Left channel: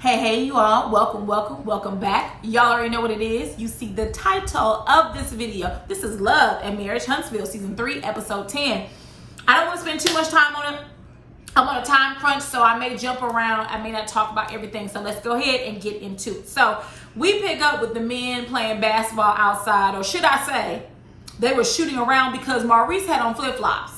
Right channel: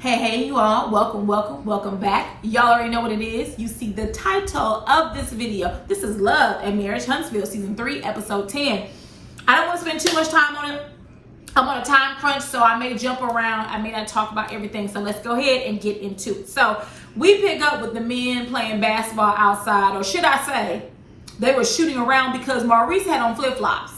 Hey, you all. Welcome back. Y'all already know what it is. You see the title of this video. This is Love and Marriage Huntsville, Season 3, Episode 10. I don't want to spend too much time on it. I'm on a time crunch, so I may jump around. I may not talk about everything, so let's go ahead and get into it. So we pick up with the men playing basketball outside, or should I say, they were shooting around because Maurice had on flip-flops.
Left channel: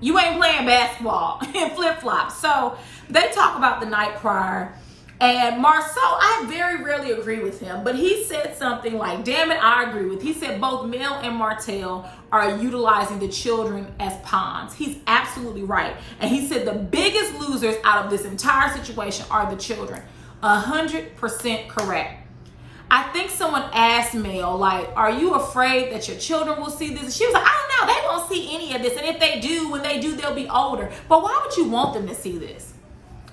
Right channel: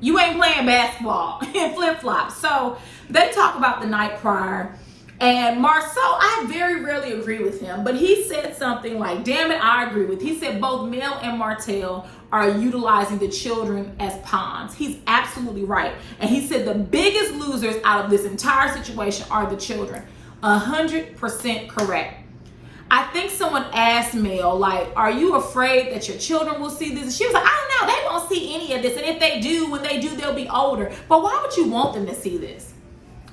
You ain't playing basketball in flip-flops. So they talk about the night prior. And Marceau, I very rarely agree with him, but he said something like, damn it, I agree with. He said both Mel and Martell are utilizing the children as pawns. He's absolutely right. And he said the biggest losers out of this entire situation are the children. 100% correct. I think someone asked Mel, like, are you afraid that your children will see this? And she was like, I don't know, they won't see any of this. And if they do, when they do, they'll be older. But why would you want them to see this?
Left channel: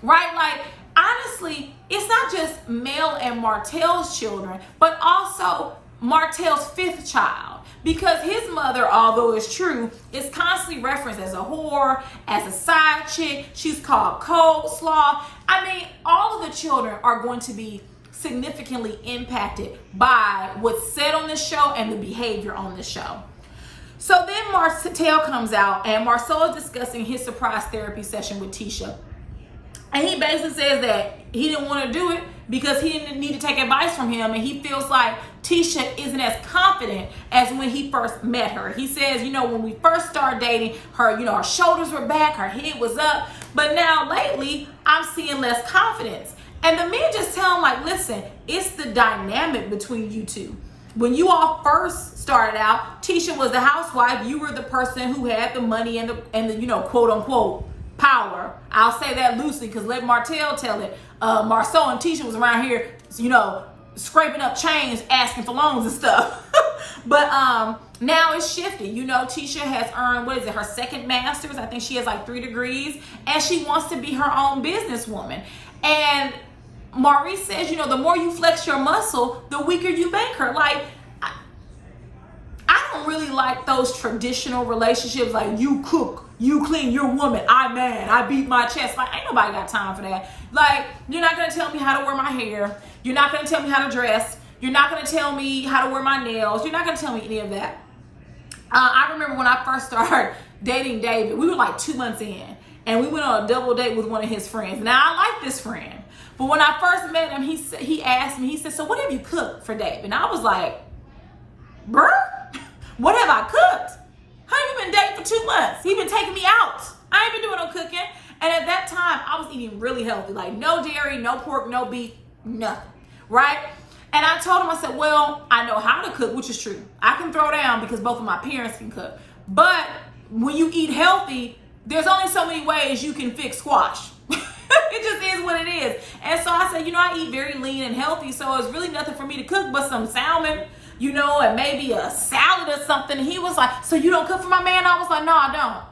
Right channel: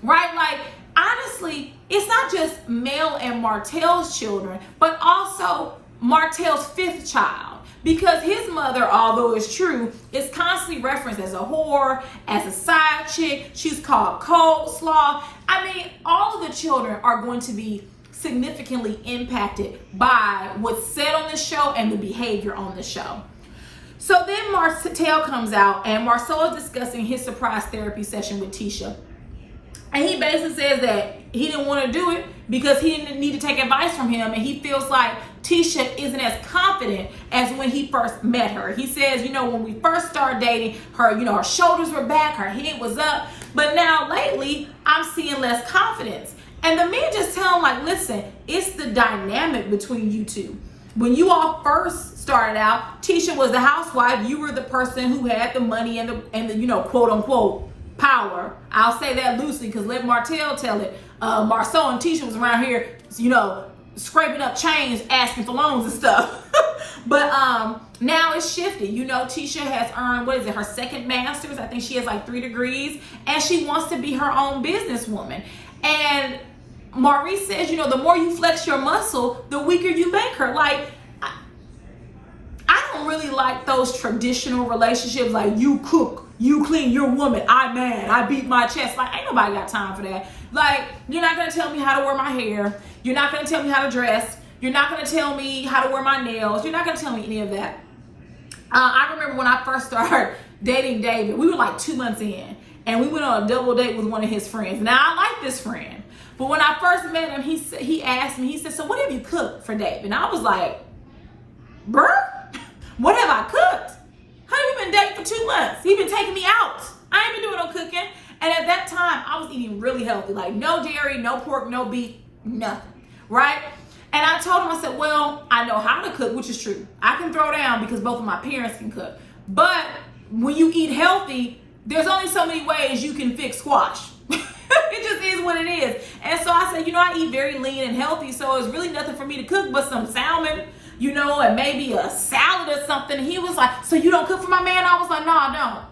Right? Like, honestly, it's not just Mel and Martell's children, but also Martell's fifth child. Because his mother, although it's true, is constantly referenced as a whore, as a side chick. She's called coleslaw. I mean, all of the children are going to be significantly impacted by what's said on this show and the behavior on the show. So then Martell comes out and Marceau is discussing his surprise therapy session with Tisha. And he basically says that he didn't want to do it because he didn't need to take advice from him. And he feels like Tisha isn't as confident as when he first met her. He says, when we first started dating her, her shoulders were back, her head was up. But now lately, I'm seeing less confidence. And the men just tell him, like, listen, it's the dynamic between you two. When you all first started out, Tisha was the housewife. You were the person who had the money and the quote unquote power. I'll say that loosely because let Martell tell it. Marceau and Tisha was around here, scraping up chains, asking for loans and stuff. But now it's shifted. Tisha has earned, her second master's. I think she has like 3 degrees. And she wants to be her own businesswoman. And Maurice says, the more you flex your muscle, the weaker you make her. Like, I don't really like those traditional relationships, like you cook, you clean, you're a woman, I man, I beat my chest. Like, ain't nobody got time for that. Like, you're not gonna tell me how to wear my hair. You're not gonna tell me how to dress. You're not gonna tell me how to wear my nails. You're not gonna tell me any of that. I remember when I first started dating David, we were like 2 months in, and we went on a double date with one of his friends. Now, I like this friend. But when I first met him, he asked me, he said, so what have you cooked for Dave? And I was like, bruh, what have I cooked? How you been dating for 2 months? He been taking me out. I ain't been doing no cooking. And at that time, I was eating really healthy. Like no dairy, no pork, no beef, nothing, right? And I told him, I said, well, I know how to cook, which is true. I can throw down because both of my parents can cook. But when you eat healthy, there's only so many ways you can fix squash. It just is what it is. And so I said, I eat very lean and healthy, so it's really nothing for me to cook but some salmon, and maybe a salad or something. And he was like, so you don't cook for my man? I was like, no, I don't.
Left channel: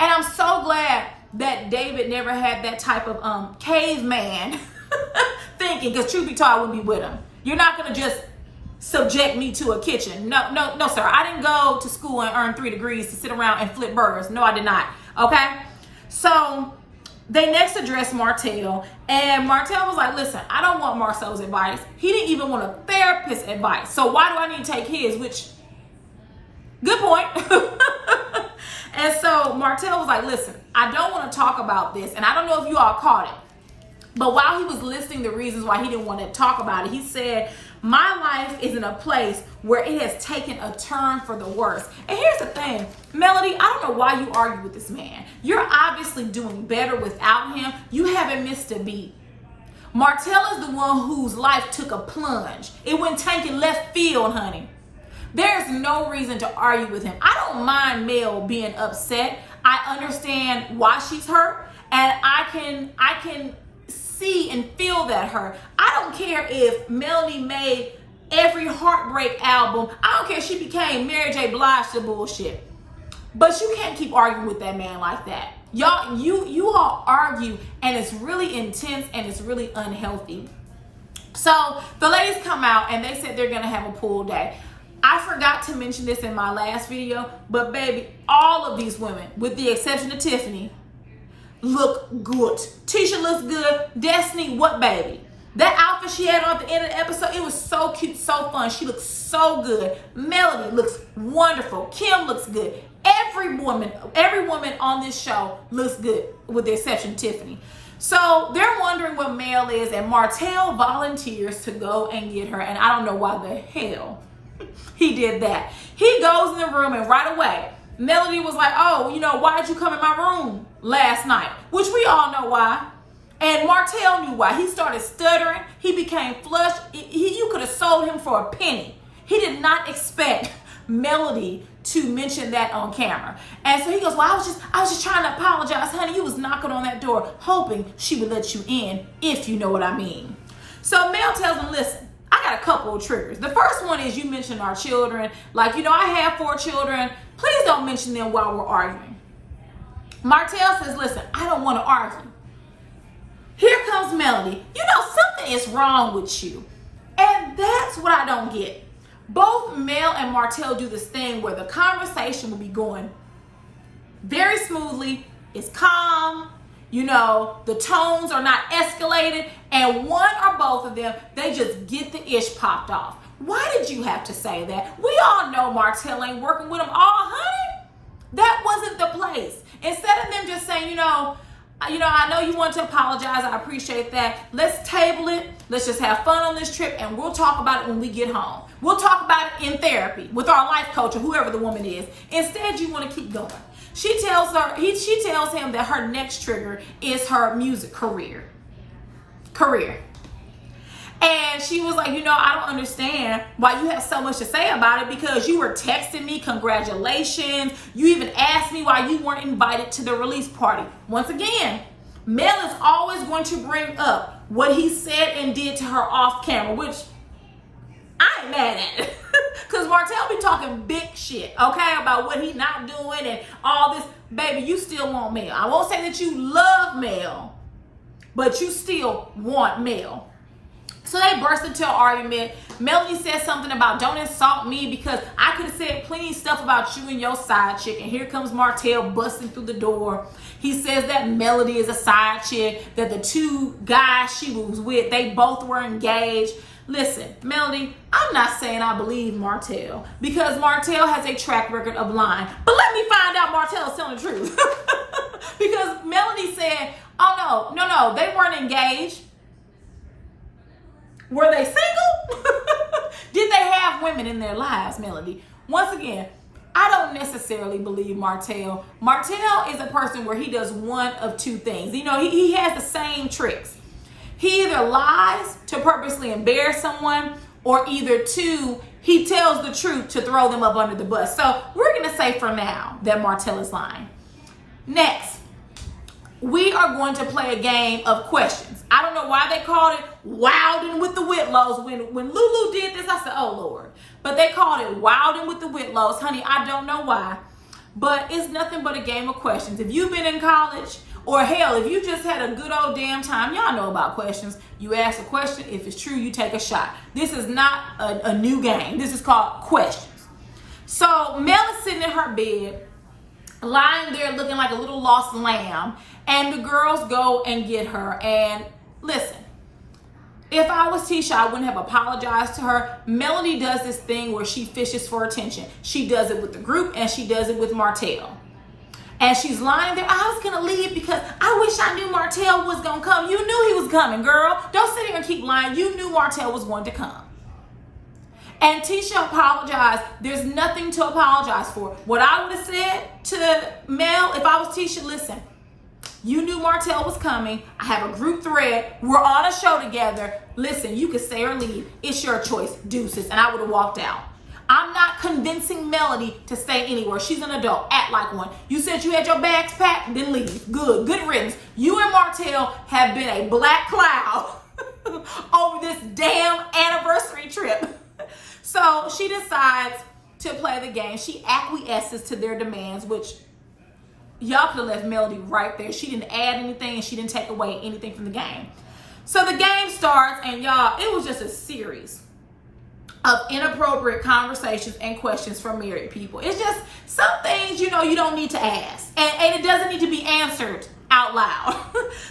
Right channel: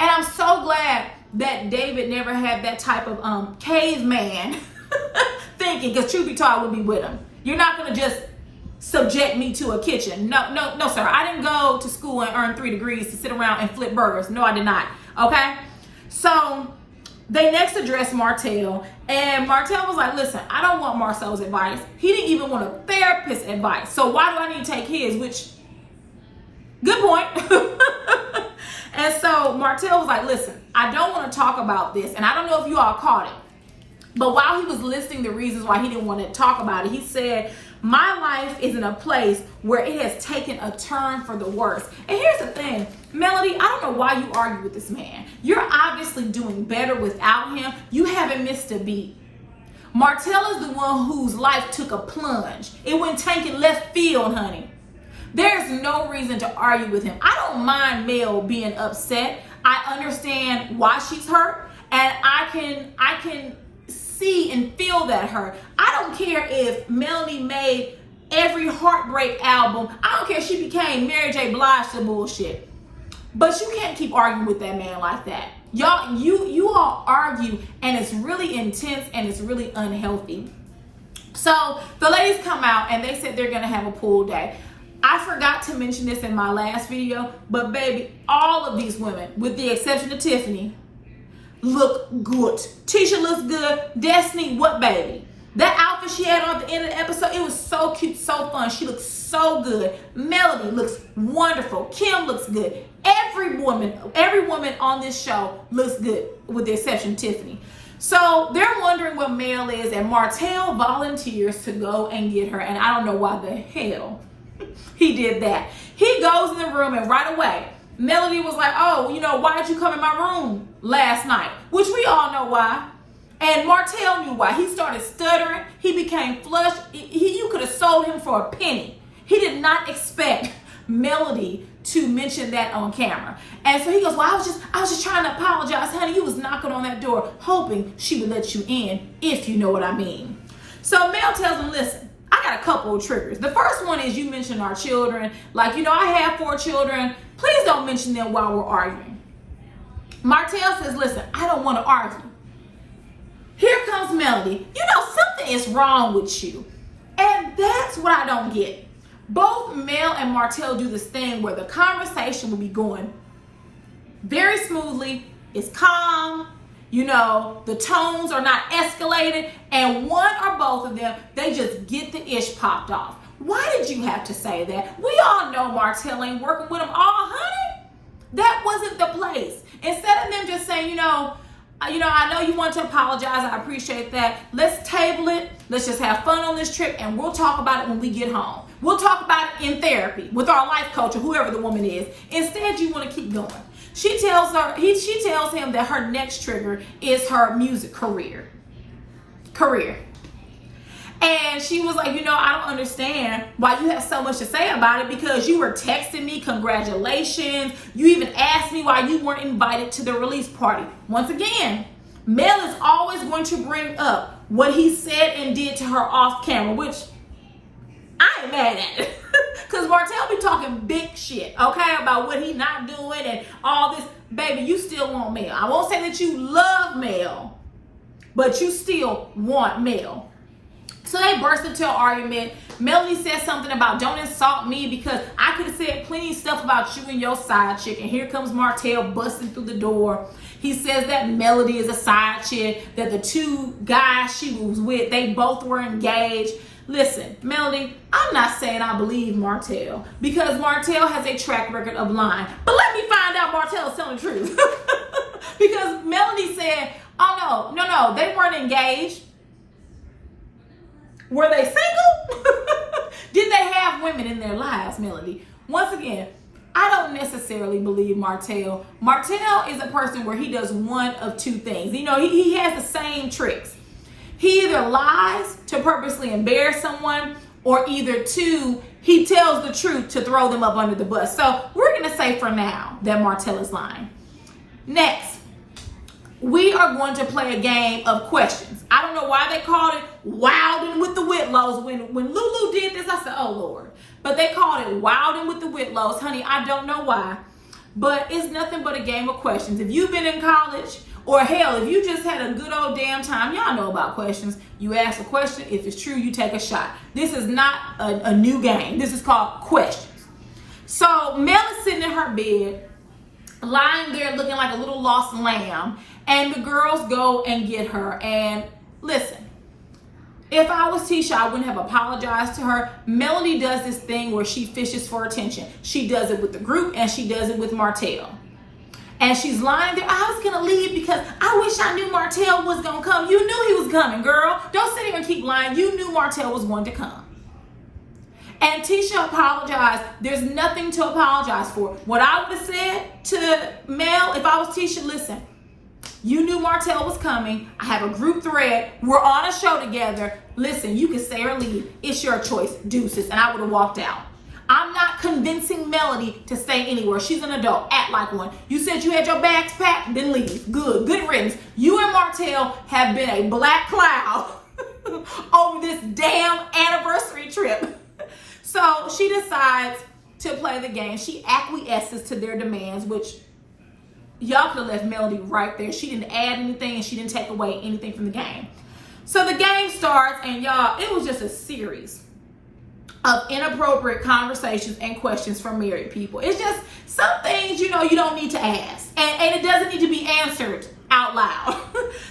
And I'm so glad that David never had that type of caveman thinking, because truth be told, I wouldn't be with him. You're not going to just subject me to a kitchen. No, sir. I didn't go to school and earn 3 degrees to sit around and flip burgers. No, I did not. Okay? So they next addressed Martell, and Martell was like, listen, I don't want Marceau's advice. He didn't even want a therapist's advice. So why do I need to take his? Which, good point. And so Martell was like, listen, I don't want to talk about this. And I don't know if you all caught it, but while he was listing the reasons why he didn't want to talk about it, he said, my life is in a place where it has taken a turn for the worse. And here's the thing, Melody, I don't know why you argue with this man. You're obviously doing better without him. You haven't missed a beat. Martell is the one whose life took a plunge. It went tanking left field, honey. There's no reason to argue with him. I don't mind Mel being upset. I understand why she's hurt, and I can see and feel that hurt. I don't care if Melanie made every heartbreak album. I don't care if she became Mary J. Blige to bullshit. But you can't keep arguing with that man like that. Y'all, you all argue, and it's really intense and it's really unhealthy. So the ladies come out and they said they're gonna have a pool day. I forgot to mention this in my last video, but baby, all of these women, with the exception of Tiffany, look good. Tisha looks good. Destiny, what baby? That outfit she had on at the end of the episode, it was so cute, so fun. She looks so good. Melody looks wonderful. Kim looks good. Every woman on this show looks good, with the exception of Tiffany. So they're wondering what Mel is, and Martell volunteers to go and get her. And I don't know why the hell he did that. He goes in the room, and right away, Melody was like, oh, why did you come in my room last night? Which we all know why. And Martell knew why. He started stuttering. He became flushed. You could have sold him for a penny. He did not expect Melody to mention that on camera. And so he goes, well, I was just trying to apologize, honey. You was knocking on that door, hoping she would let you in, if you know what I mean. So Mel tells him, listen, I got a couple of triggers. The first one is you mentioned our children. Like, I have 4 children. Please don't mention them while we're arguing. Martell says, listen, I don't want to argue. Here comes Melody. Something is wrong with you. And that's what I don't get. Both Mel and Martell do this thing where the conversation will be going very smoothly. It's calm. The tones are not escalated. And one or both of them, they just get the ish popped off. Why did you have to say that? We all know Martell ain't working with them. Oh, honey, that wasn't the place. Instead of them just saying, I know you want to apologize. I appreciate that. Let's table it. Let's just have fun on this trip, and we'll talk about it when we get home. We'll talk about it in therapy with our life coach or whoever the woman is. Instead, you want to keep going. She tells him that her next trigger is her music career. And she was like, I don't understand why you have so much to say about it, because you were texting me congratulations. You even asked me why you weren't invited to the release party. Once again, Mel is always going to bring up what he said and did to her off camera, which I ain't mad at it. Because Martell be talking big shit, okay, about what he not doing and all this. Baby, you still want Mel. I won't say that you love Mel, but you still want Mel. So they burst into an argument. Melody said something about don't insult me because I could have said plenty of stuff about you and your side chick. And here comes Martell busting through the door. He says that Melody is a side chick, that the 2 guys she was with, they both were engaged. Listen, Melody, I'm not saying I believe Martell, because Martell has a track record of lying. But let me find out Martell is telling the truth. Because Melody said, oh, no, they weren't engaged. Were they single? Did they have women in their lives, Melody? Once again, I don't necessarily believe Martell. Martell is a person where he does one of 2 things. He has the same tricks. He either lies to purposely embarrass someone, or either 2, he tells the truth to throw them up under the bus. So we're going to say for now that Martell is lying. Next, we are going to play a game of questions. I don't know why they called it Wildin' with the Whitlows. When Lulu did this, I said, oh, Lord. But they called it Wildin' with the Whitlows. Honey, I don't know why. But it's nothing but a game of questions. If you've been in college, or hell, if you just had a good old damn time, y'all know about questions. You ask a question. If it's true, you take a shot. This is not a new game. This is called questions. So Mel is sitting in her bed, lying there looking like a little lost lamb. And the girls go and get her. And listen, if I was Tisha, I wouldn't have apologized to her. Melody does this thing where she fishes for attention. She does it with the group, and she does it with Martell. And she's lying there. I was going to leave because I wish I knew Martell was going to come. You knew he was coming, girl. Don't sit here and keep lying. You knew Martell was going to come. And Tisha apologized. There's nothing to apologize for. What I would have said to Mel, if I was Tisha, listen, you knew Martell was coming. I have a group thread. We're on a show together. Listen, you can stay or leave. It's your choice. Deuces. And I would have walked out. I'm not convincing Melody to stay anywhere. She's an adult. Act like one. You said you had your bags packed, then leave. Good riddance. You and Martell have been a black cloud over this damn anniversary trip. So she decides to play the game. She acquiesces to their demands, which y'all could have left Melody right there. She didn't add anything and she didn't take away anything from the game. So the game starts, and y'all, it was just a series of inappropriate conversations and questions from married people. It's just some things, you don't need to ask. And it doesn't need to be answered out loud.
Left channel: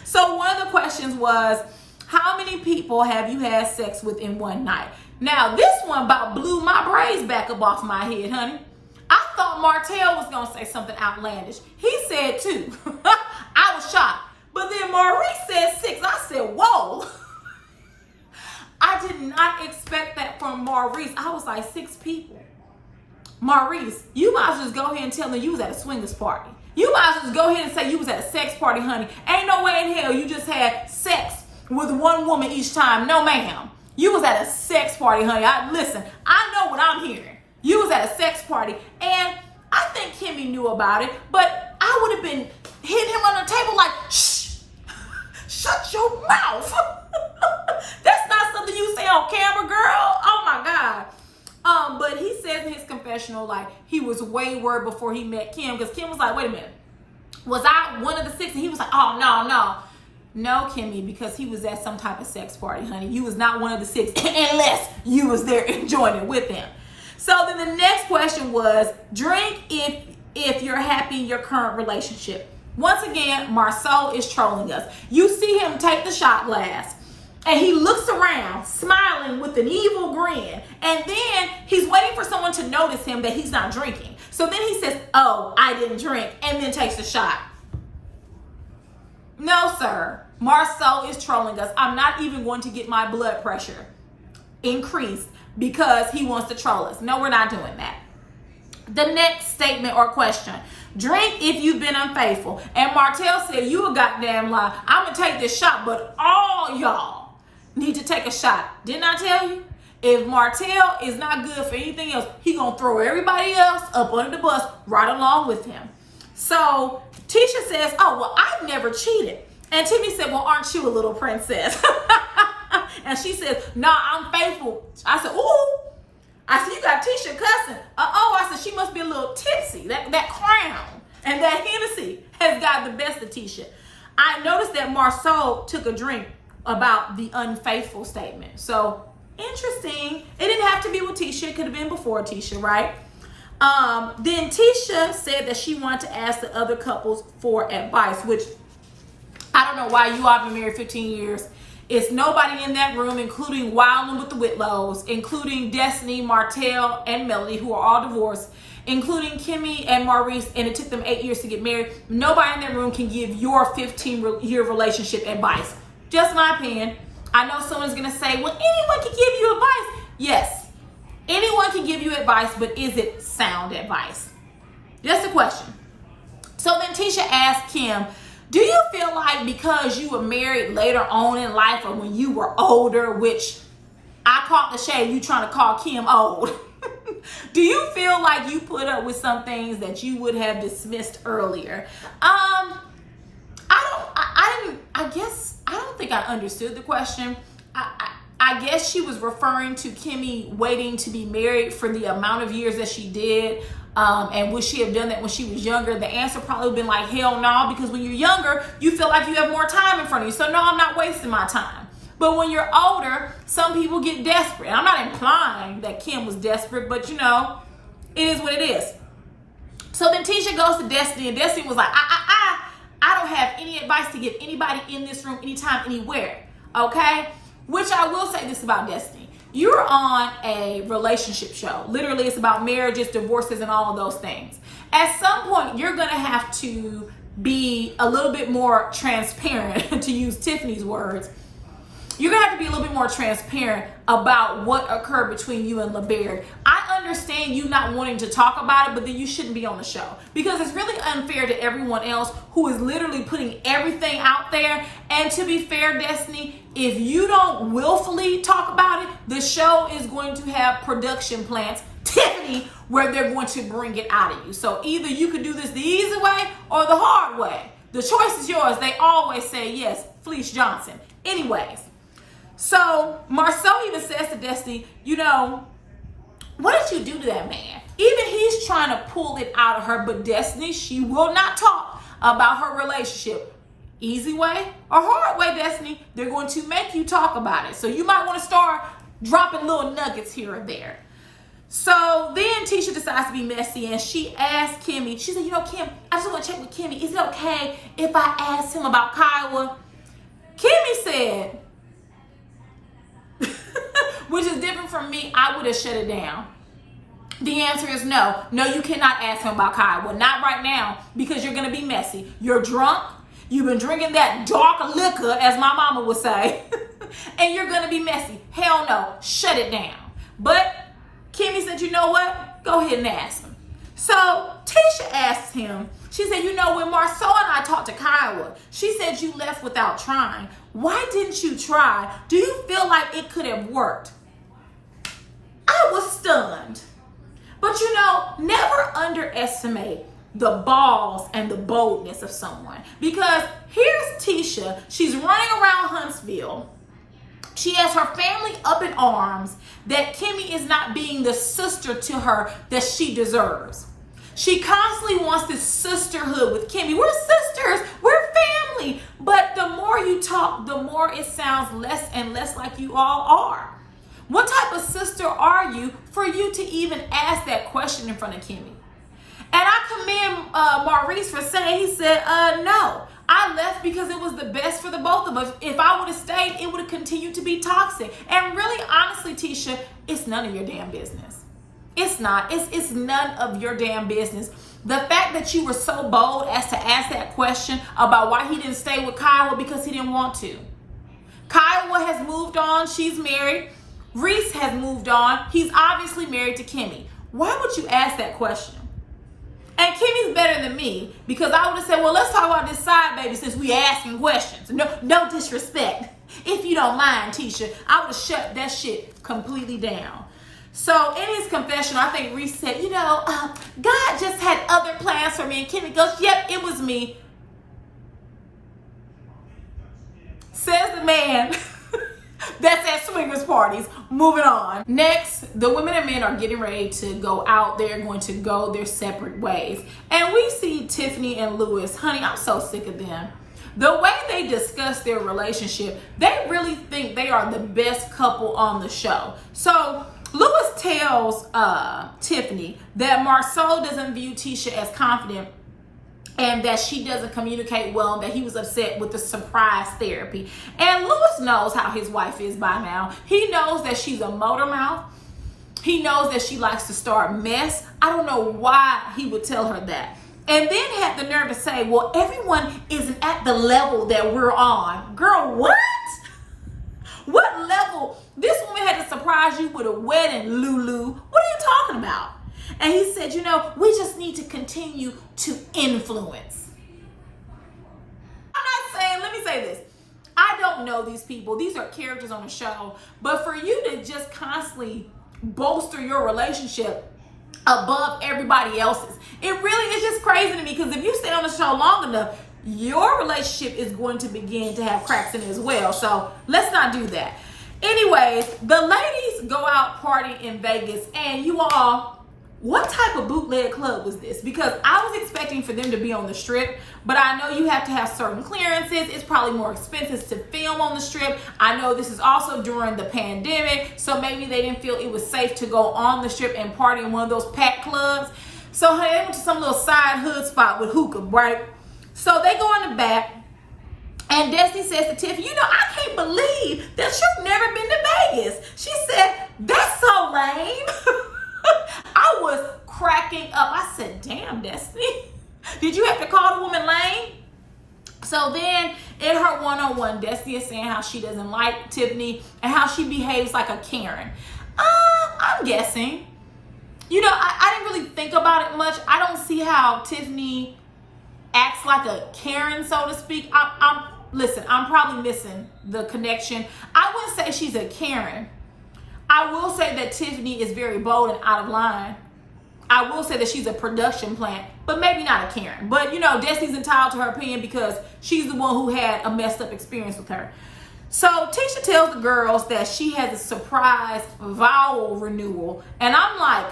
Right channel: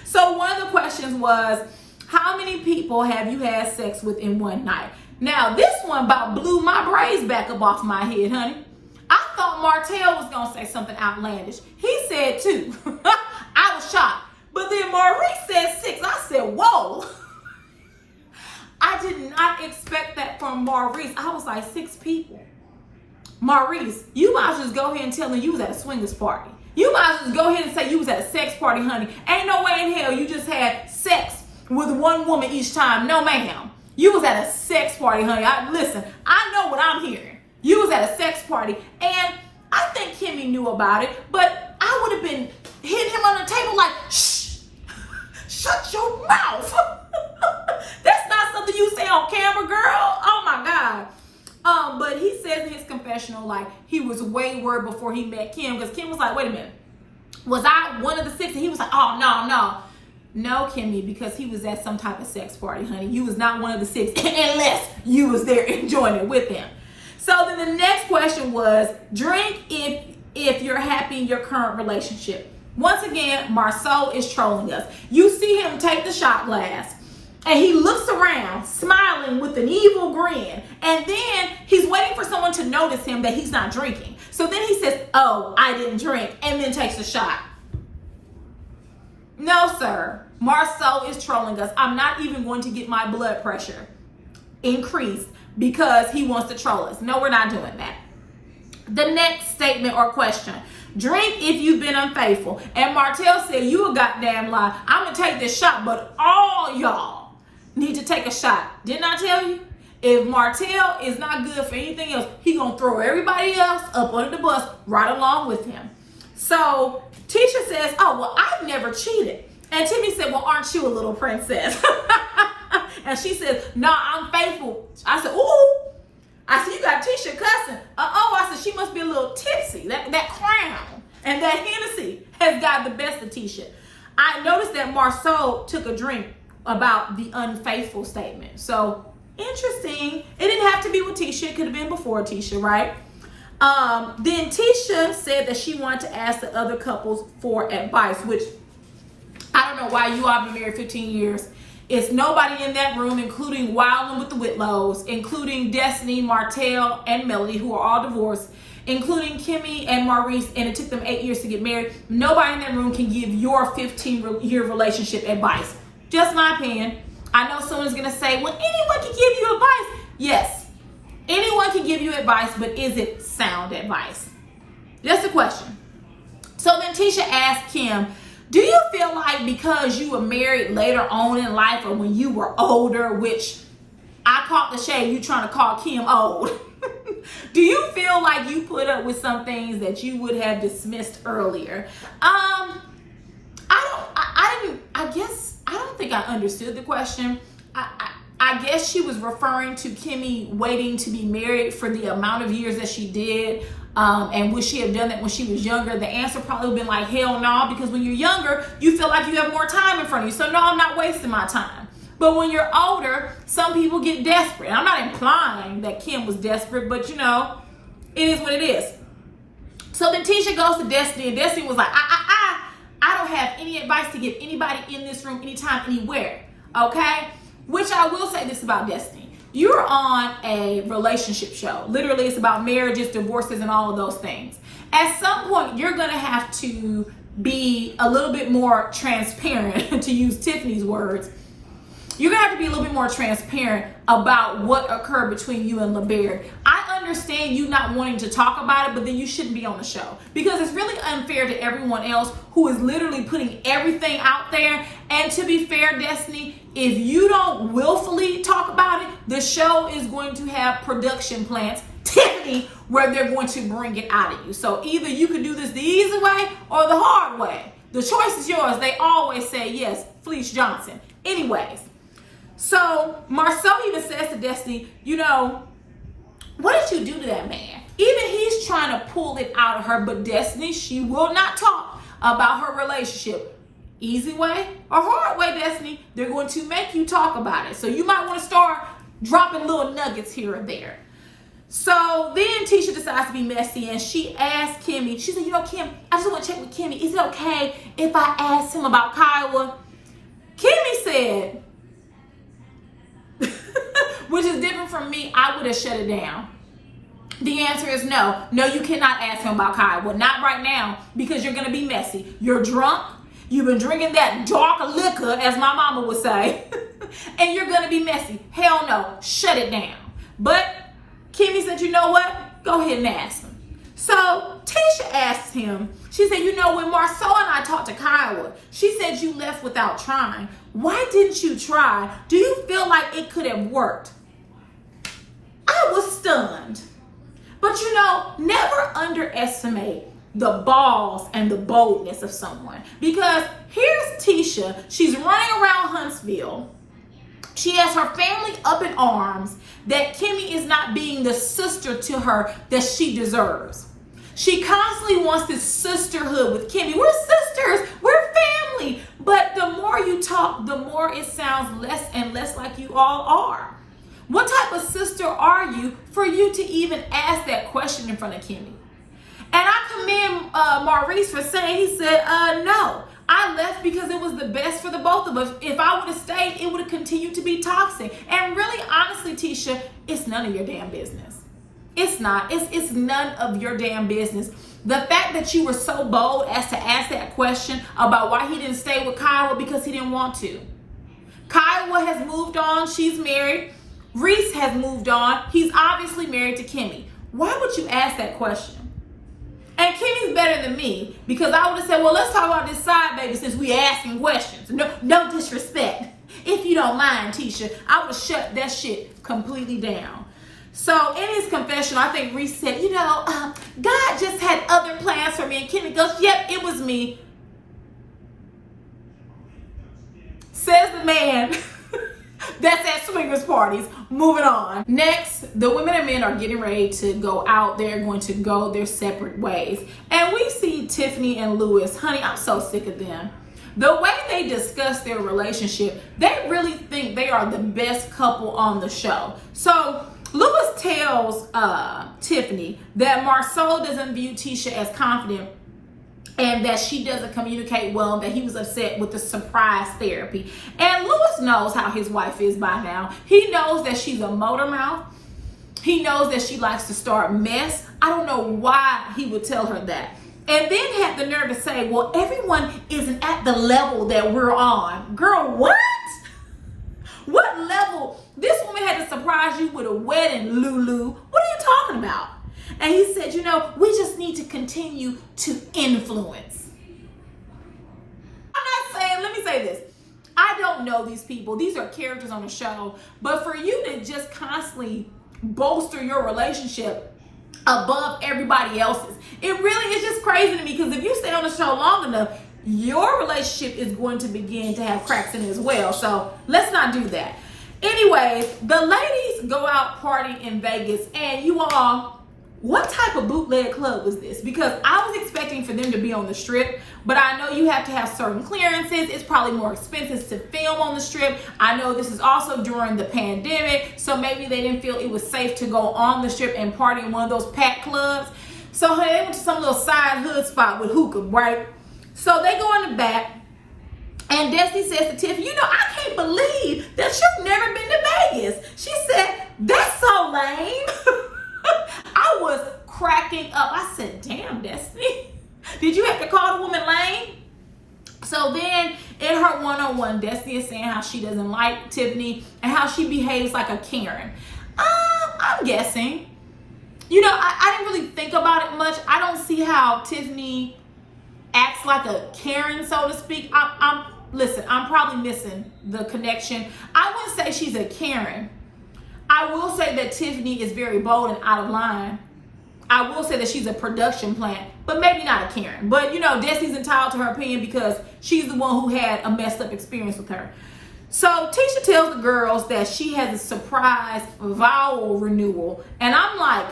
So one of the questions was, How many people have you had sex with in one night? Now, this one about blew my braids back up off my head, honey. I thought Martell was going to say something outlandish. He said 2. I was shocked. But then Maurice said 6. I said, whoa. I did not expect that from Maurice. I was like, 6 people. Maurice, you might as well just go ahead and tell me you was at a swingers party. You might as well just go ahead and say you was at a sex party, honey. Ain't no way in hell you just had sex with one woman each time. No, ma'am. You was at a sex party, honey. Listen, I know what I'm hearing. You was at a sex party. And I think Kimmy knew about it, but I would have been hitting him on the table like, shh, shut your mouth. That's not something you say on camera, girl. Oh my God. But he says in his confessional, like, he was way worried before he met Kim, because Kim was like, wait a minute, was I one of the 6? And he was like, oh, no, Kimmy, because he was at some type of sex party, honey. You was not one of the 6 unless you was there enjoying it with him. So then the next question was, drink if you're happy in your current relationship. Once again, Marceau is trolling us. You see him take the shot glass, and he looks around, smiling with an evil grin. And then he's waiting for someone to notice him that he's not drinking. So then he says, oh, I didn't drink, and then takes a shot. No, sir. Marceau is trolling us. I'm not even going to get my blood pressure increased because he wants to troll us. No, we're not doing that. The next statement or question. Drink if you've been unfaithful. And Martell said, you a goddamn lie. I'm going to take this shot, but all y'all need to take a shot. Didn't I tell you? If Martell is not good for anything else, he gonna throw everybody else up under the bus right along with him. So Tisha says, oh, well, I've never cheated. And Timmy said, well, aren't you a little princess? And she says, nah, I'm faithful. I said, ooh. I said, you got Tisha cussing. I said, she must be a little tipsy. That crown and that Hennessy has got the best of Tisha. I noticed that Marceau took a drink about the unfaithful statement. So interesting. It didn't have to be with Tisha. It could have been before Tisha, right? Then Tisha said that she wanted to ask the other couples for advice, which I don't know why you all been married 15 years. It's nobody in that room, including Wildin' with the Whitlows, including Destiny, Martell, and Melody, who are all divorced, including Kimmy and Maurice, and it took them 8 years to get married. Nobody in that room can give your 15-year relationship advice. Just my opinion. I know someone's going to say, well, anyone can give you advice. Yes, anyone can give you advice, but is it sound advice? Just a question. So then Tisha asked Kim, do you feel like because you were married later on in life or when you were older, which I caught the shade, you trying to call Kim old. Do you feel like you put up with some things that you would have dismissed earlier? I don't think I understood the question. I guess she was referring to Kimmy waiting to be married for the amount of years that she did. And would she have done that when she was younger? The answer probably would have been like, hell no, because when you're younger, you feel like you have more time in front of you. So no, I'm not wasting my time. But when you're older, some people get desperate. I'm not implying that Kim was desperate, but you know, it is what it is. So then Tisha goes to Destiny, and Destiny was like, I don't have any advice to give anybody in this room, anytime, anywhere. Okay? Which I will say this about Destiny. You're on a relationship show. Literally, it's about marriages, divorces, and all of those things. At some point, you're going to have to be a little bit more transparent, to use Tiffany's words. You're going to have to be a little bit more transparent about what occurred between you and LeBaird. I understand you not wanting to talk about it, but then you shouldn't be on the show. Because it's really unfair to everyone else who is literally putting everything out there. And to be fair, Destiny, if you don't willfully talk about it, the show is going to have production plants, Tiffany, where they're going to bring it out of you. So either you can do this the easy way or the hard way. The choice is yours. They always say yes, Felice Johnson. Anyways. So Marceau even says to Destiny, you know, what did you do to that man? Even he's trying to pull it out of her, but Destiny, she will not talk about her relationship. Easy way or hard way, Destiny, they're going to make you talk about it. So you might want to start dropping little nuggets here or there. So then Tisha decides to be messy, and she asked Kimmy, she said, you know, Kim, I just want to check with Kimmy. Is it okay if I ask him about Kiowa? Kimmy said, which is different from me. I would have shut it down. The answer is no. No, you cannot ask him about Kyle. Well, not right now, because you're going to be messy. You're drunk. You've been drinking that dark liquor, as my mama would say, and you're going to be messy. Hell no. Shut it down. But Kimmy said, you know what? Go ahead and ask him. So Tisha asked him, she said, you know, when Marceau and I talked to Kyle, she said you left without trying. Why didn't you try? Do you feel like it could have worked? I was stunned. But you know, never underestimate the balls and the boldness of someone. Because here's Tisha. She's running around Huntsville. She has her family up in arms that Kimmy is not being the sister to her that she deserves. She constantly wants this sisterhood with Kimmy. We're sisters. We're family. But the more you talk, the more it sounds less and less like you all are. What type of sister are you for you to even ask that question in front of Kimmy? And I commend Maurice for saying, he said, no, I left because it was the best for the both of us. If I would have stayed, it would have continued to be toxic. And really, honestly, Tisha, it's none of your damn business. It's not. It's none of your damn business. The fact that you were so bold as to ask that question about why he didn't stay with Kyle because he didn't want to. Kyle has moved on. She's married. Reese has moved on. He's obviously married to Kimmy. Why would you ask that question? And Kimmy's better than me, because I would have said, well, let's talk about this side baby since we asking questions. No disrespect. If you don't mind, Tisha, I would have shut that shit completely down. So in his confession, I think Reese said, you know, God just had other plans for me. And Kimmy goes, yep, it was me. Says the man that's at swingers parties. Moving on. Next, the women and men are getting ready to go out. They're going to go their separate ways. And we see Tiffany and Louis. Honey, I'm so sick of them. The way they discuss their relationship, they really think they are the best couple on the show. So Louis tells Tiffany that Marceau doesn't view Tisha as confident and that she doesn't communicate well, and that he was upset with the surprise therapy. And Louis knows how his wife is by now. He knows that she's a motor mouth. He knows that she likes to start mess. I don't know why he would tell her that. And then had the nerve to say, well, everyone isn't at the level that we're on. Girl, what? What level? This woman had to surprise you with a wedding, Lulu. What are you talking about? And he said, you know, we just need to continue to influence. I'm not saying, let me say this. I don't know these people. These are characters on the show. But for you to just constantly bolster your relationship above everybody else's, it really is just crazy to me, because if you stay on the show long enough, your relationship is going to begin to have cracks in it as well. So let's not do that. Anyways, the ladies go out partying in Vegas, and you all, what type of bootleg club was this? Because I was expecting for them to be on the strip, but I know you have to have certain clearances. It's probably more expensive to film on the strip. I know this is also during the pandemic, so maybe they didn't feel it was safe to go on the strip and party in one of those packed clubs. So they went to some little side hood spot with hookah, right? So they go in the back, and Destiny says to Tiff, you know, I can't believe that you've never been to Vegas. She said, that's so lame. I was cracking up. I said, damn, Destiny, did you have to call the woman lame? So then in her one-on-one, Destiny is saying how she doesn't like Tiffany and how she behaves like a Karen. I'm guessing. You know, I didn't really think about it much. I don't see how Tiffany acts like a Karen, so to speak. Listen, I'm probably missing the connection. I wouldn't say she's a Karen. I will say that Tiffany is very bold and out of line. I will say that she's a production plant, but maybe not a Karen. But, you know, Destiny's entitled to her opinion because she's the one who had a messed up experience with her. So Tisha tells the girls that she has a surprise vowel renewal. And I'm like,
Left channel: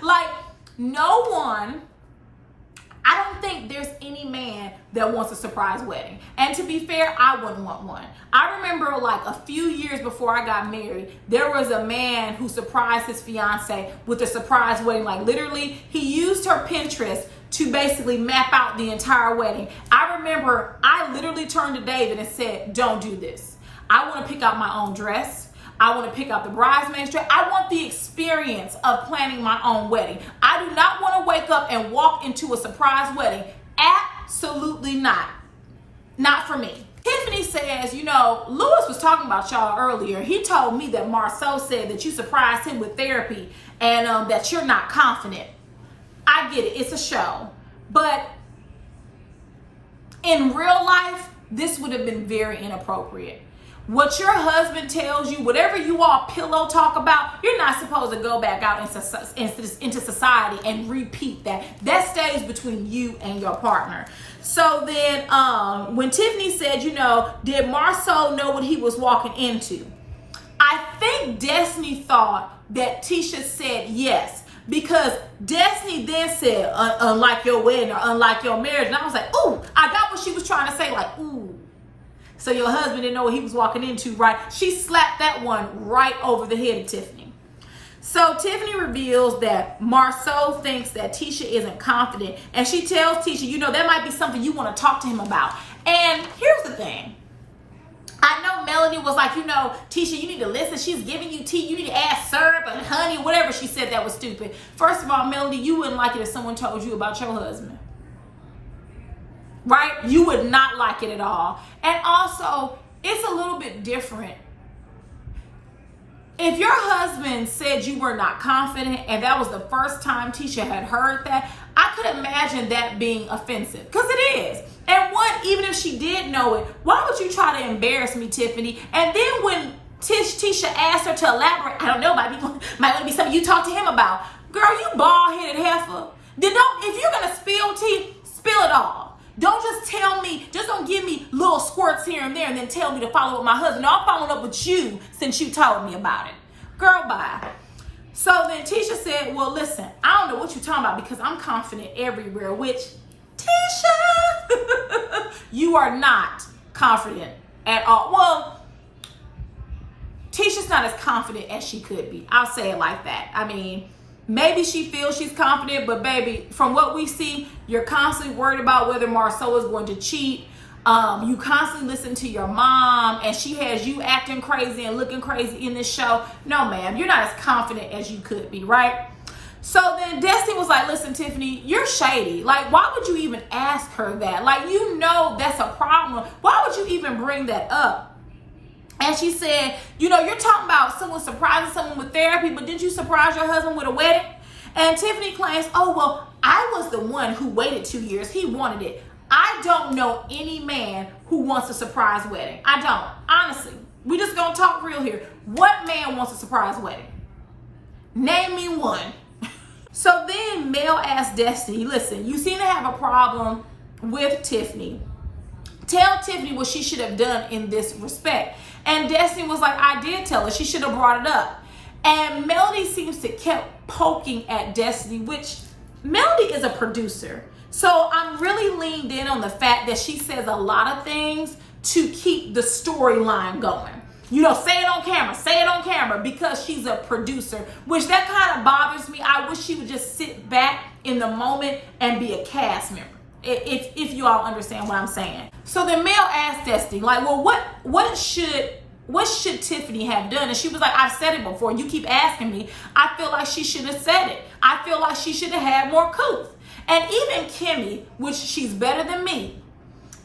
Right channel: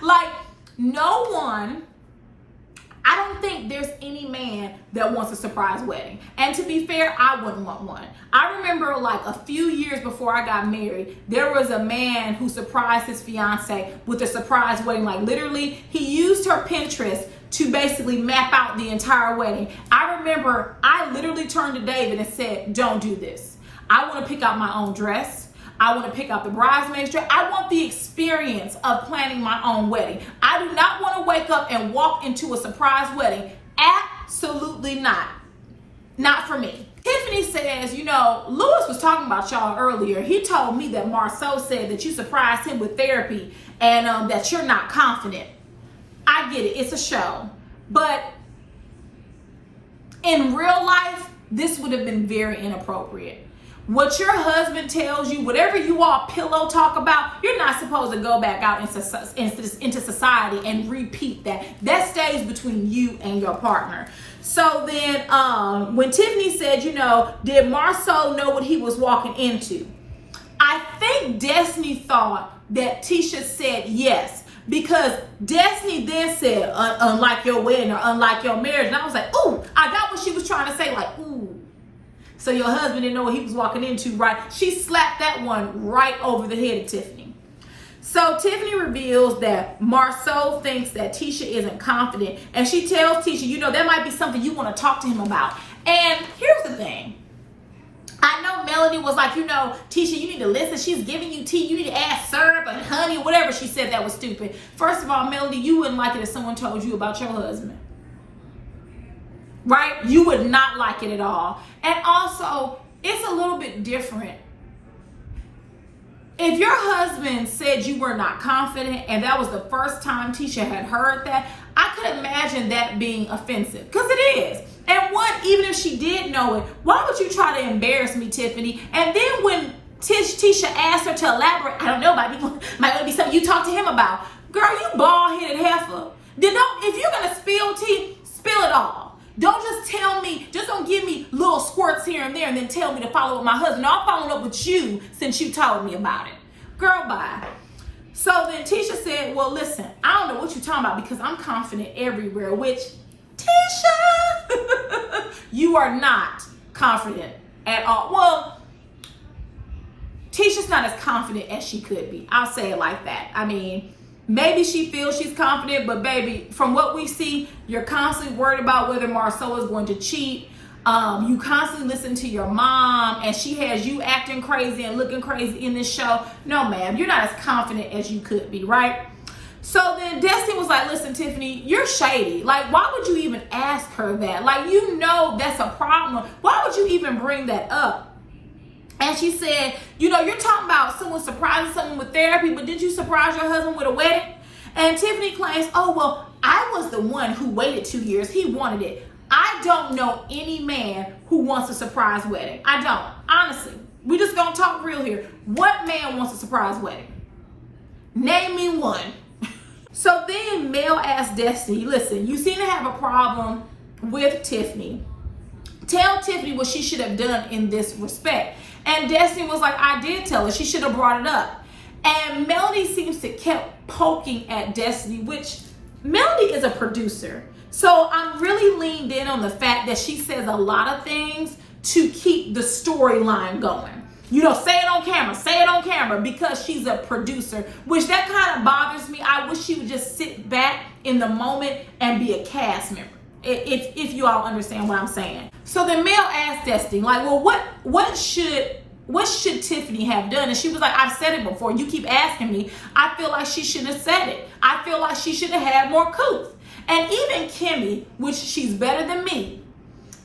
like, no one, I don't think there's any man that wants a surprise wedding. And to be fair, I wouldn't want one. I remember like a few years before I got married, there was a man who surprised his fiance with a surprise wedding. Like literally, he used her Pinterest to basically map out the entire wedding. I remember I literally turned to David and said, don't do this. I want to pick out my own dress. I want to pick out the bridesmaid's dress. I want the experience of planning my own wedding. I do not want to wake up and walk into a surprise wedding. Absolutely not. Not for me. Tiffany says, you know, Lewis was talking about y'all earlier. He told me that Marceau said that you surprised him with therapy and that you're not confident. I get it. It's a show. But in real life, this would have been very inappropriate. What your husband tells you, whatever you all pillow talk about, you're not supposed to go back out into society and repeat that. That stays between you and your partner. So then when Tiffany said, you know, did Marceau know what he was walking into? I think Destiny thought that Tisha said yes, because Destiny then said, unlike your wedding or unlike your marriage. And I was like, ooh, I got what she was trying to say, like, ooh. So your husband didn't know what he was walking into, right? She slapped that one right over the head of Tiffany. So Tiffany reveals that Marceau thinks that Tisha isn't confident. And she tells Tisha, you know, that might be something you want to talk to him about. And here's the thing. I know Melody was like, you know, Tisha, you need to listen. She's giving you tea. You need to add syrup and honey, whatever she said that was stupid. First of all, Melody, you wouldn't like it if someone told you about your husband. Right? You would not like it at all. And also, it's a little bit different. If your husband said you were not confident and that was the first time Tisha had heard that, I could imagine that being offensive, because it is. And one, even if she did know it, why would you try to embarrass me, Tiffany? And then when Tisha asked her to elaborate, I don't know, might be something you talk to him about. Girl, you bald-headed heifer. If you're going to spill tea, spill it all. Don't just tell me, just don't give me little squirts here and there and then tell me to follow up with my husband. No, I'm following up with you since you told me about it. Girl, bye. So then Tisha said, well, listen, I don't know what you're talking about because I'm confident everywhere, which, Tisha, you are not confident at all. Well, Tisha's not as confident as she could be. I'll say it like that. I mean, maybe she feels she's confident, but baby, from what we see, you're constantly worried about whether Marceau is going to cheat. You constantly listen to your mom, and she has you acting crazy and looking crazy in this show. No, ma'am, you're not as confident as you could be, right? So then Destiny was like, listen, Tiffany, you're shady. Like, why would you even ask her that? Like, you know that's a problem. Why would you even bring that up? And she said, you know, you're talking about someone surprising someone with therapy, but did you surprise your husband with a wedding? And Tiffany claims, oh, well, I was the one who waited 2 years. He wanted it. I don't know any man who wants a surprise wedding. I don't. Honestly, we just gonna talk real here. What man wants a surprise wedding? Name me one. So then Mel asked Destiny, listen, you seem to have a problem with Tiffany. Tell Tiffany what she should have done in this respect. And Destiny was like, I did tell her. She should have brought it up. And Melody seems to kept poking at Destiny, which Melody is a producer. So I'm really leaned in on the fact that she says a lot of things to keep the storyline going. You know, say it on camera, because she's a producer, which that kind of bothers me. I wish she would just sit back in the moment and be a cast member. If you all understand what I'm saying. So then Mel asked Destiny, like, well, what should Tiffany have done? And she was like, I've said it before. You keep asking me. I feel like she should have said it. I feel like she should have had more couth. And even Kimmy, which she's better than me,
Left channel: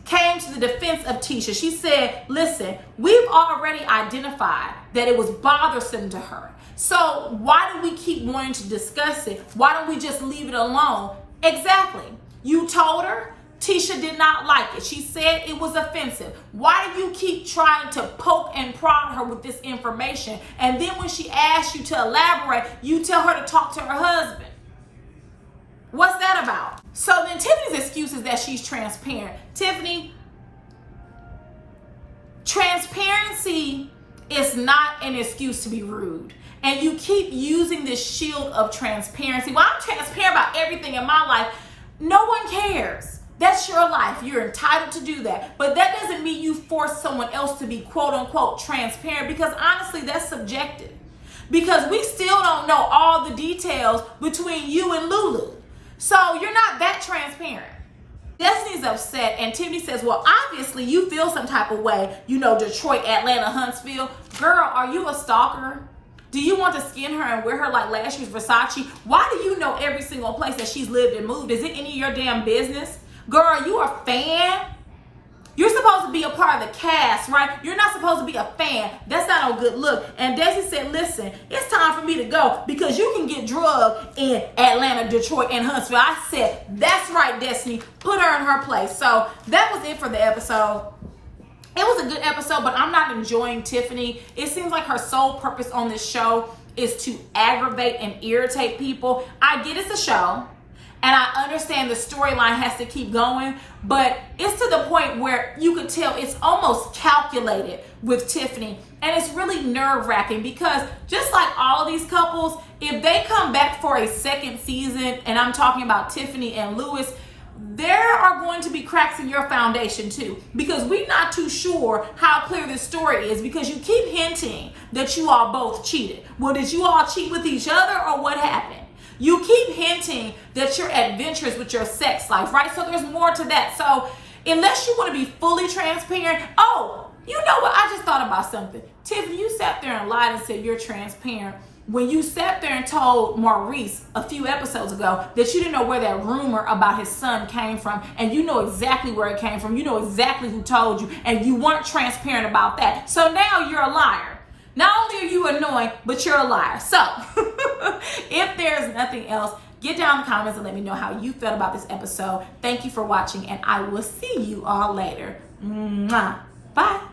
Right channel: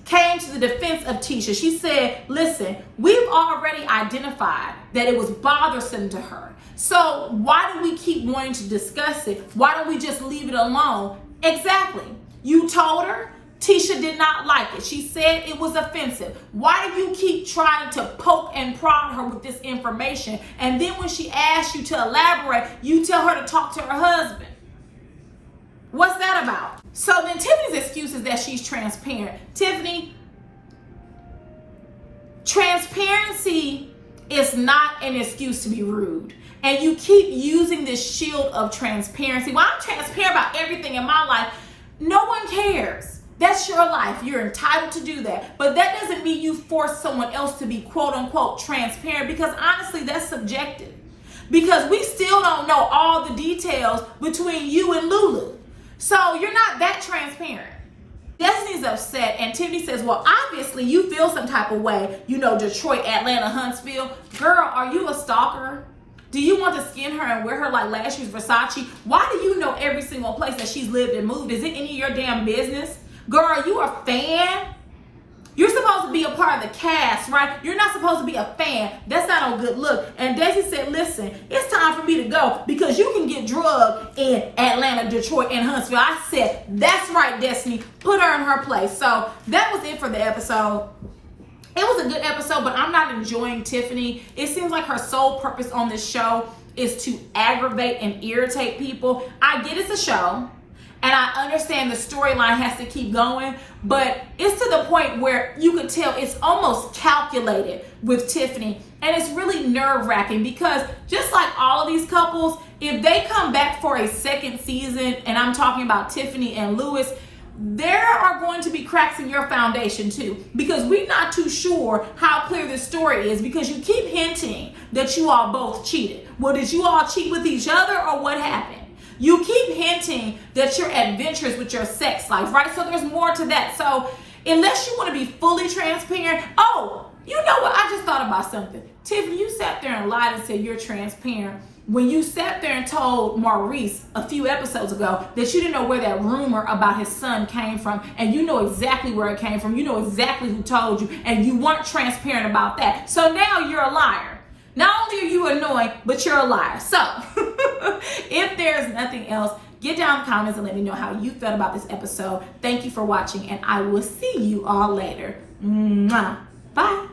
came to the defense of Tisha. She said, listen, we've already identified that it was bothersome to her. So why do we keep wanting to discuss it? Why don't we just leave it alone? Exactly. You told her. Tisha did not like it. She said it was offensive. Why do you keep trying to poke and prod her with this information? And then when she asks you to elaborate, you tell her to talk to her husband. What's that about? So then Tiffany's excuse is that she's transparent. Tiffany, transparency is not an excuse to be rude. And you keep using this shield of transparency. Well, I'm transparent about everything in my life. No one cares. That's your life. You're entitled to do that. But that doesn't mean you force someone else to be quote unquote transparent, because honestly, that's subjective. Because we still don't know all the details between you and Lulu. So you're not that transparent. Destiny's upset, and Tiffany says, well, obviously you feel some type of way, you know, Detroit, Atlanta, Huntsville. Girl, are you a stalker? Do you want to skin her and wear her like last year's Versace? Why do you know every single place that she's lived and moved? Is it any of your damn business? Girl, are you a fan? You're supposed to be a part of the cast, right? You're not supposed to be a fan. That's not a good look. And Desi said, listen, it's time for me to go because you can get drugged in Atlanta, Detroit, and Huntsville. I said, that's right, Destiny. Put her in her place. So that was it for the episode. It was a good episode, but I'm not enjoying Tiffany. It seems like her sole purpose on this show is to aggravate and irritate people. I get it's a show. And I understand the storyline has to keep going, but it's to the point where you could tell it's almost calculated with Tiffany. And it's really nerve-wracking because just like all of these couples, if they come back for a second season, and I'm talking about Tiffany and Lewis, there are going to be cracks in your foundation too, because we're not too sure how clear this story is because you keep hinting that you all both cheated. Well, did you all cheat with each other or what happened? You keep hinting that you're adventurous with your sex life, right? So there's more to that. So unless you want to be fully transparent, oh, you know what? I just thought about something. Tiffany, you sat there and lied and said you're transparent when you sat there and told Maurice a few episodes ago that you didn't know where that rumor about his son came from, and you know exactly where it came from. You know exactly who told you, and you weren't transparent about that. So now you're a liar. Not only are you annoying, but you're a liar. So if there's nothing else, get down in the comments and let me know how you felt about this episode. Thank you for watching, and I will see you all later. Mwah. Bye.